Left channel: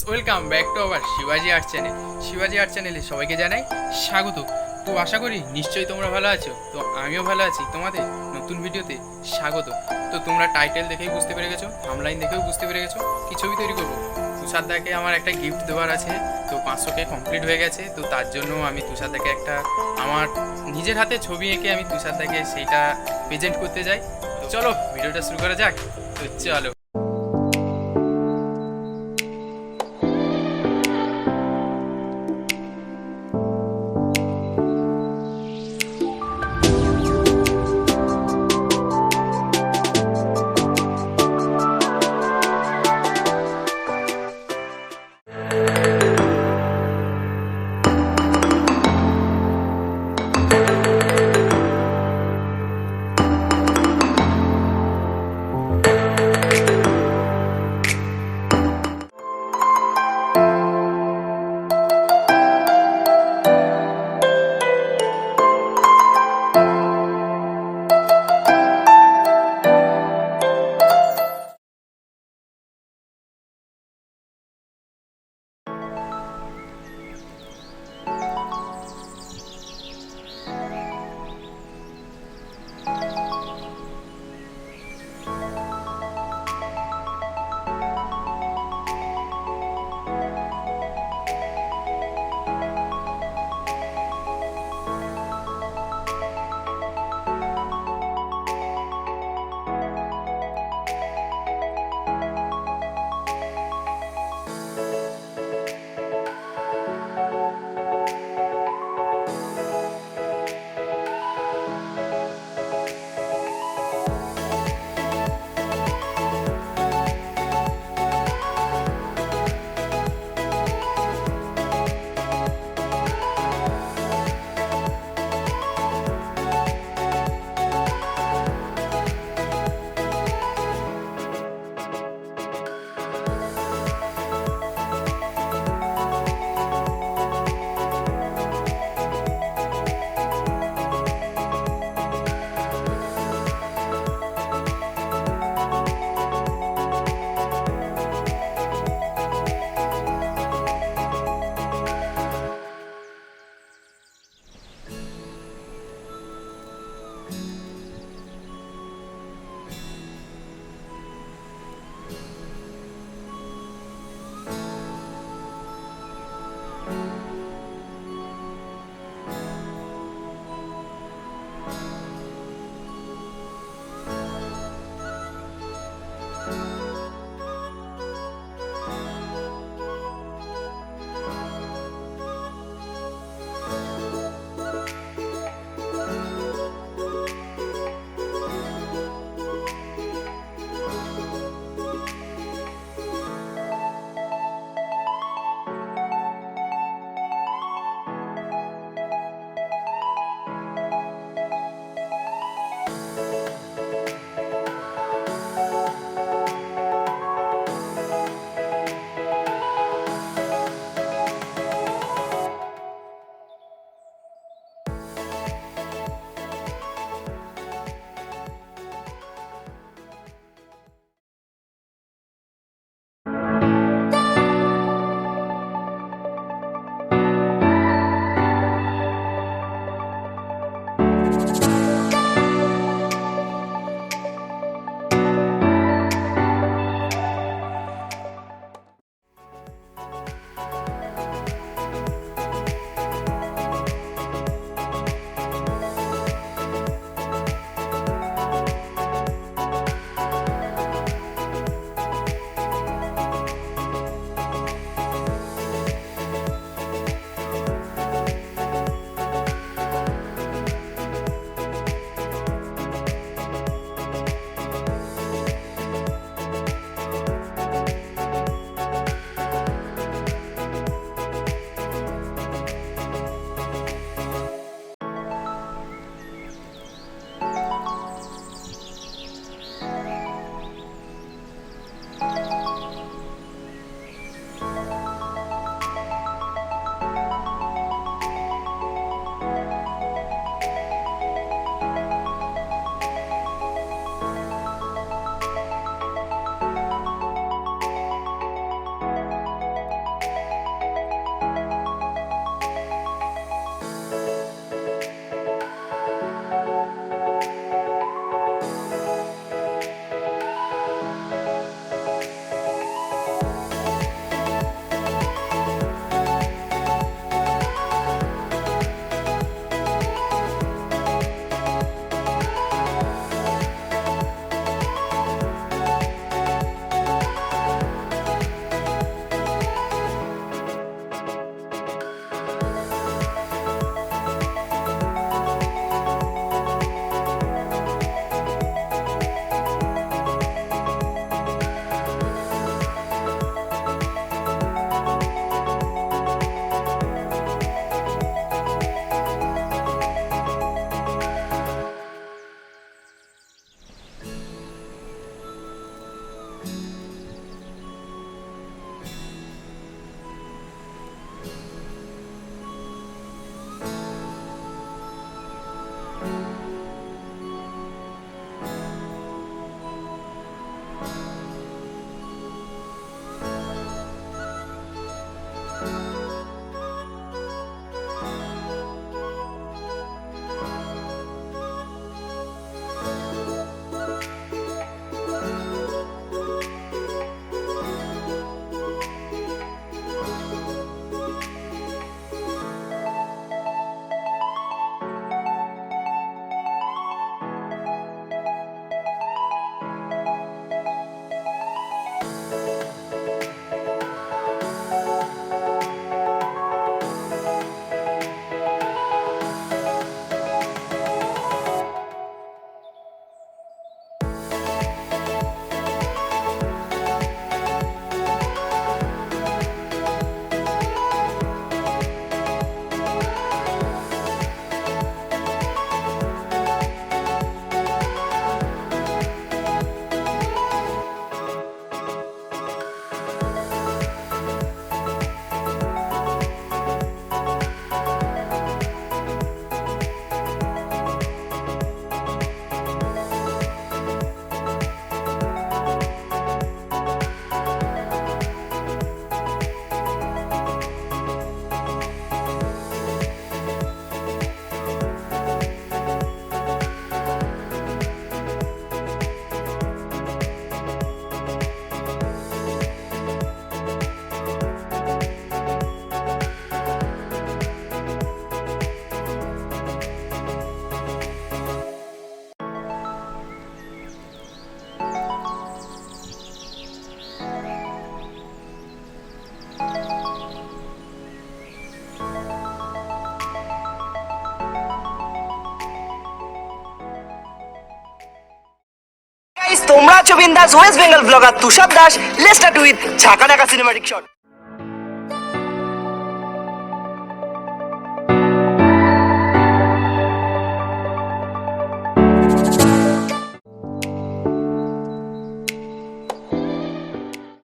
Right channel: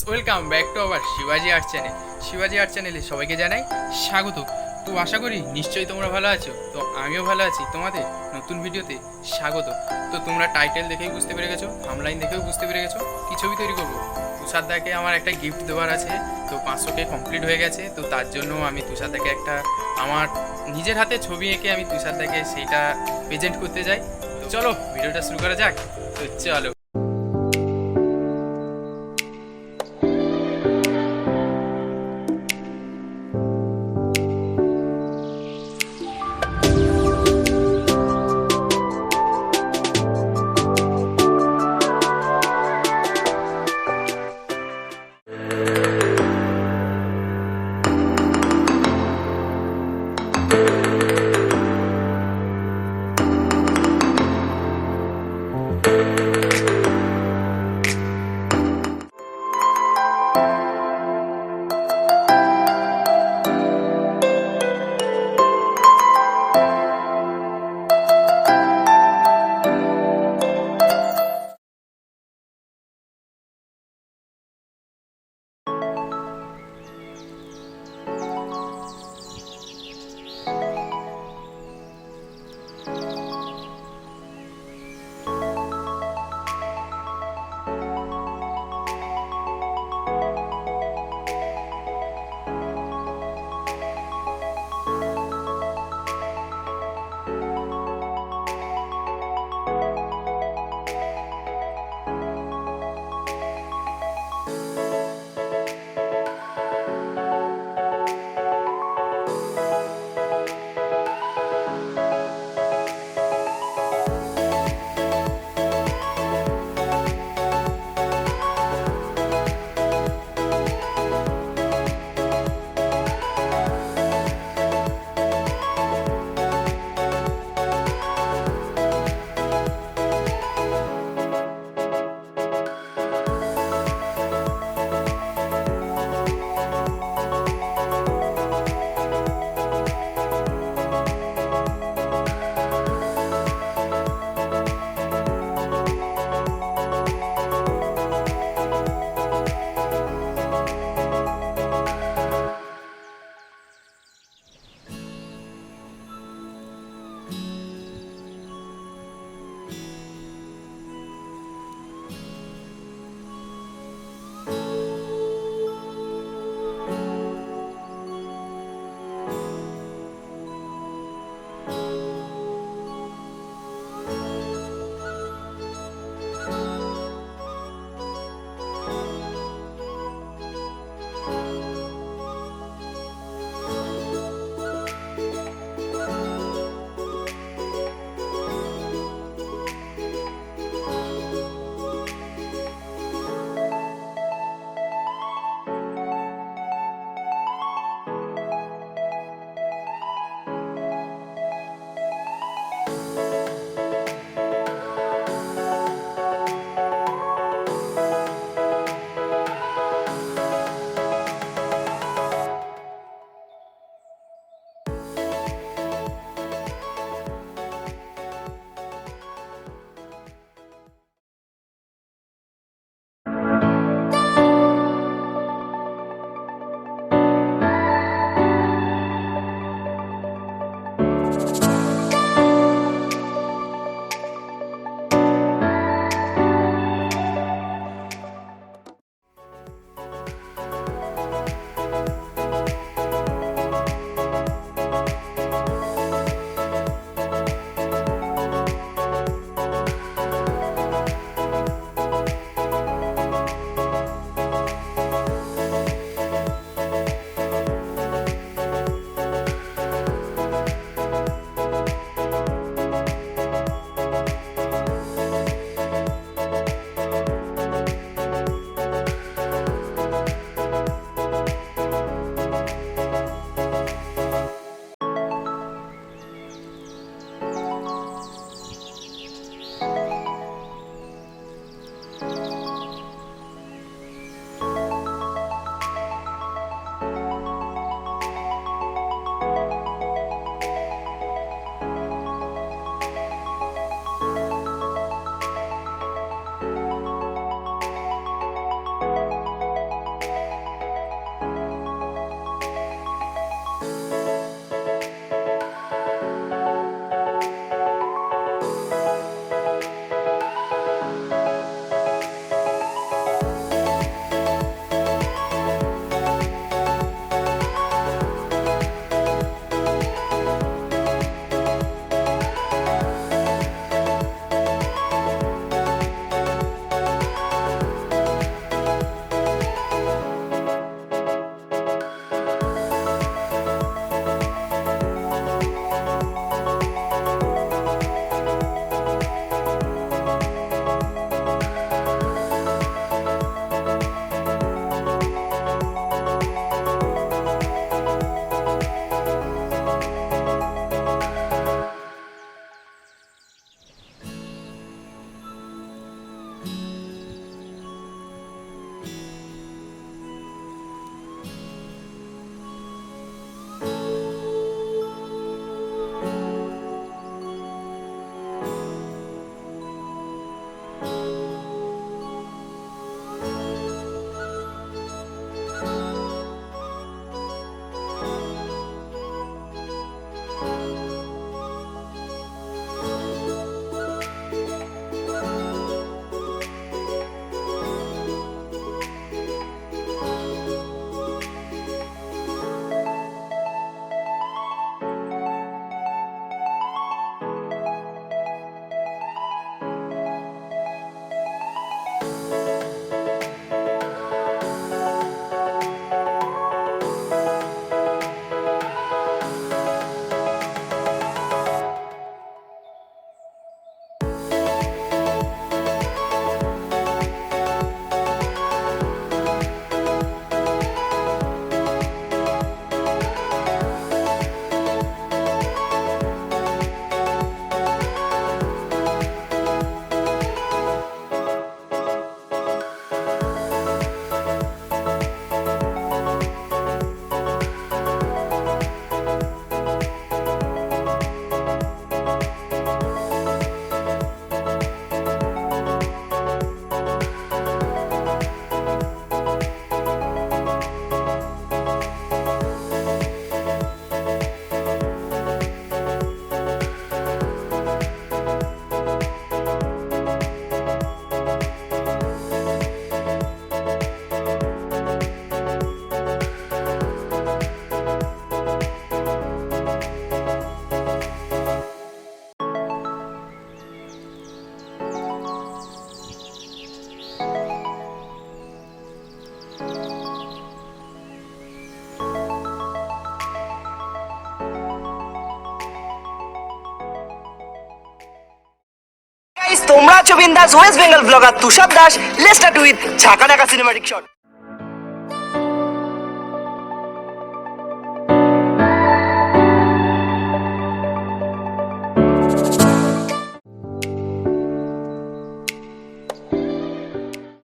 Welcome back to our শিবাজি art channel. শিবাজি art চ্যানেলে সবাইকে জানাই স্বাগত। তো আশা করি নিশ্চয়ই তোমরা ভালো আছো। তো আমিও ভালো আছি, তোমাদের নতুন ভিডিওতে স্বাগত। তো তোমরা টাইটেল দেখেই বুঝতে পেরে গেছো, থাম্বনেইল দেখেও বুঝতে পেরে গেছো কি ছবি তৈরি করবো। তুষারদাকে আমার একটা গিফট দেওয়ার আছে। তো 500K কমপ্লিট হয়ে গেছে। তো তার জন্য আমি তুষারদাকে একটা আমার নিজের হাতে ছবি এঁকে আমি তুষারদাকে সেইটা প্রেজেন্ট করতে যাই। তো চলো ভিডিওটা শুরু করা যাক। তো চলো। তোমরা আছো বিন্দাস West Bengal blogger Tushar Das. Let's start with ঝাঁকা ঢাকা সিনেমাটিক শট।